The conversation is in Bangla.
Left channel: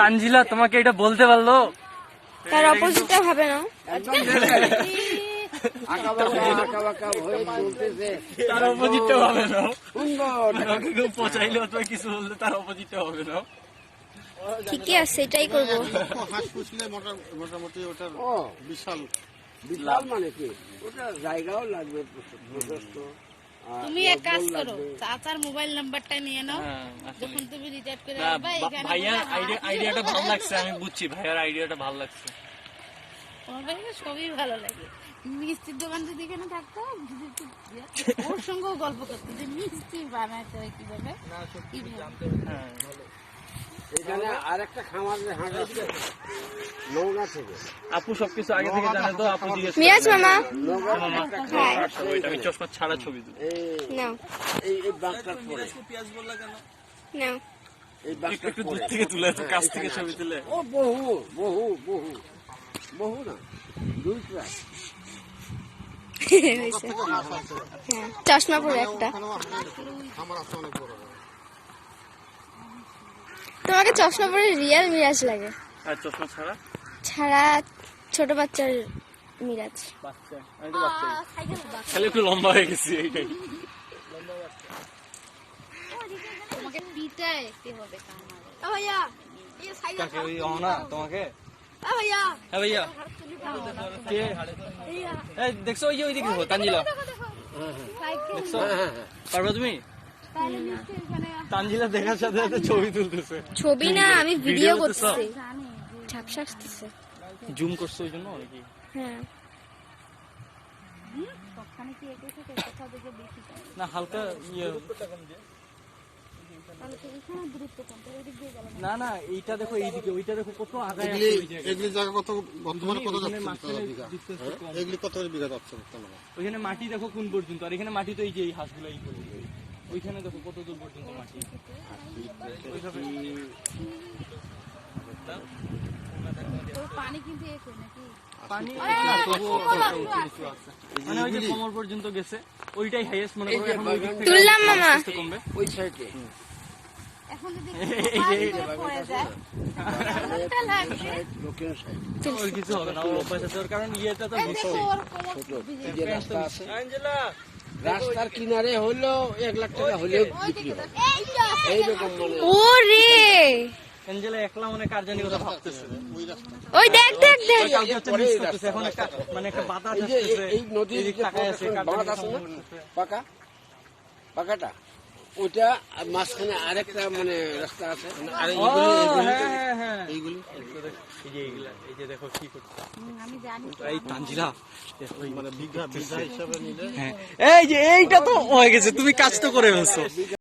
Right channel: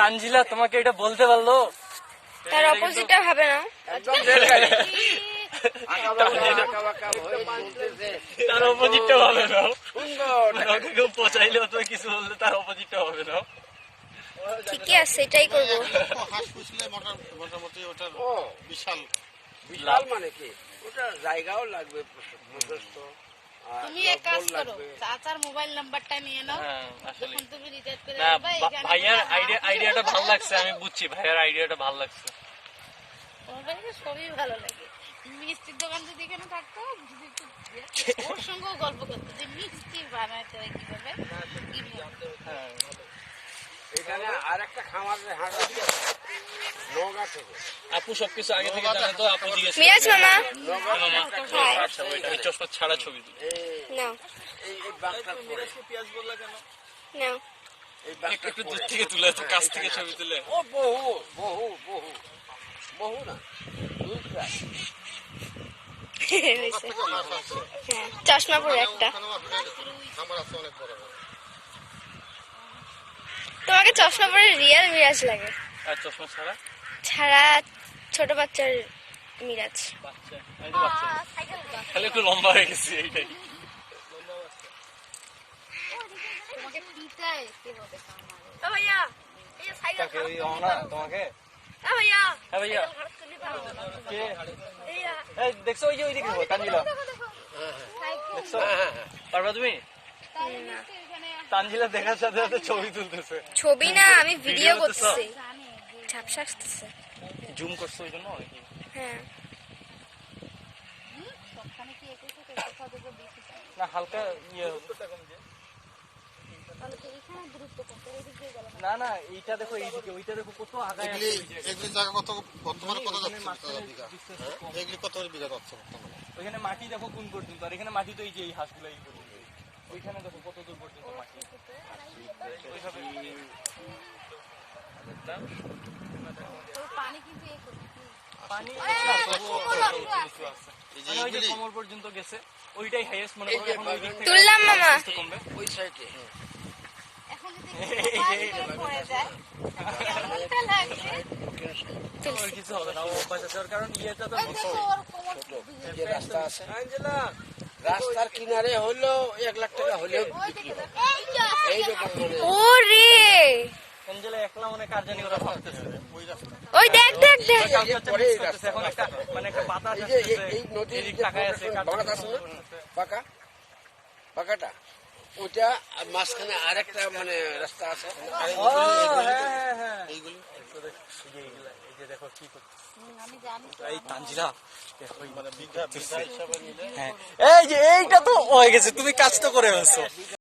তানজিলা তোমাকে এটা বলতে পারলো? তার অপোজিটটা হবে না। একদম আঁকা বাঁকা হয়ে চলতেছে, তার অপোজিটটা হবে না। সুন্দর। তোমাকে কেউ পচাইলে অথবা কিছু বললে তার অপোজিটটা হবে না। ঠিকই আছে, এটাই করবো। হাঁস পুষলে মোটামুটি ওটা বিশাল বিশাল মানে কি, ওটা জায়গাও লাগবে যথেষ্ট। তুমি এক কাজ করো, চাচার মোবাইল নাম্বারটা নিয়ে নাও, যখন তুমি রিচার্জ করে আসবে এখানে। ভাইয়ার আইডিয়াটা ভালো লাগছে, আমি বুঝছি ভাইয়ার আইডিয়াটা ভালো লাগছে। তোমার কাছে সবই ভালো লাগে। মিষ্টির দোকান যদি এখানে থাকতো, ওর সঙ্গেও গল্প করতো যে মিষ্টি বানাতে হয় কিভাবে। এখানে আরেকটা খামার নৌকা থেকে আপু সবকিছু আগে থেকে জানে তো, আপু জিজ্ঞেস মিরাজ মামা, হাই। এই চশমা ছাড়া ছবি তুলি। নাও এই বাঘটার পরে নাও। এই একটু দূর থেকে তুলে, তো কাছ থেকে ছবি তুলে। ও বহু বহু বহু বহু না, দুই ক্লাস। হয়েছে। হ্যাঁ, চশমা পরে একটা। আমার আছে অনেক বড় বড়। তোমাকে চশমা পরে রিয়েল মিরাজ লাগে, আর চশমা ছাড়া ছাড়া ছোট বাচ্চার মিরাজ। বাচ্চা, আমি তো বাচ্চা খালি একটু লম্বা হয়ে গেছি এইটাই। তোমাকে পিটায় কিভাবে কামড়ায়। ও ভাইয়া, এই সাইকেল কাকে ওই অনা তোমাকে? ও ভাইয়া, হ্যাঁ ভাইয়া, কে এই দেখছো? ওই যে ওই দিকে তানজিলা, দেখছো? পারবা তুমি? তানজিলা দেখার সাথে সাথে ছবি তুলতেছে। ছবি না, আমি ভিডিও করতেছি। ঝাপসা আসতেছে। জুম করছো ওই জন্য নাকি? হ্যাঁ, না হালকা ইয়ে, না না এইটা দেখো, এইদিকে ওইটা দেখো কত আগে। এগুলি জায়গা কত বর্তমানে কত যাচ্ছে বিঘা? এগুলি কত বিঘা যাচ্ছে বর্তমানে? ওইখানে মাটি দেখো কোন পর্যন্ত, আর এখানে মাটি তো এই যে এই হাঁসগুলো এই পর্যন্ত। ওইখানে দেখো কত দূর পর্যন্ত মাটি। পানি কিন্তু এ করে নাকি পানি মানে ওই যে কোমর পর্যন্ত গেছে, ওইটাই হাইয়েস্ট মনে করো। এখন ওই দিক থেকে তুললাম মামা। আস্তে কমবে। ওই সাইডে এখন যদি এই যে পড়ে যায় কেমনটা লাগবে। ওই কিছু হবে না, অভ্যাস আছে, কারণ ইয়েটা তো ছোট। এই যে রাস্তা আছে, রাস্তার কিনারে হলেও 1 লাখ টাকা হলেও বিক্রি হবে এইরকম মনে। ওরে অ্যাঞ্জেলা একলা মনে কার জানি কথা ভাবতেছে। ওই দেখ দেখ দেখ। কালকে হচ্ছে মিস করতেছে, এখন একটা মানে একটা বাতাস এই যে আসতেছে, এই নদীর এদিক তাকায় আছে, কার বাঁক জানি আছে কথা না? বলতেছে। পাকাটা ওইটা, আর মাঝখানে আরেকটা মানে রাস্তা আছে। আর হ্যাঁ হ্যাঁ, এইগুলি এই যে দেখো কি করছে আমি জানি এই তানজিলা, মানে বিঘা বিঘা হিসাবে নিলে এই যে এইটা তো হয়ে গেছে, তুমি কাজ তো করে ফেলছো।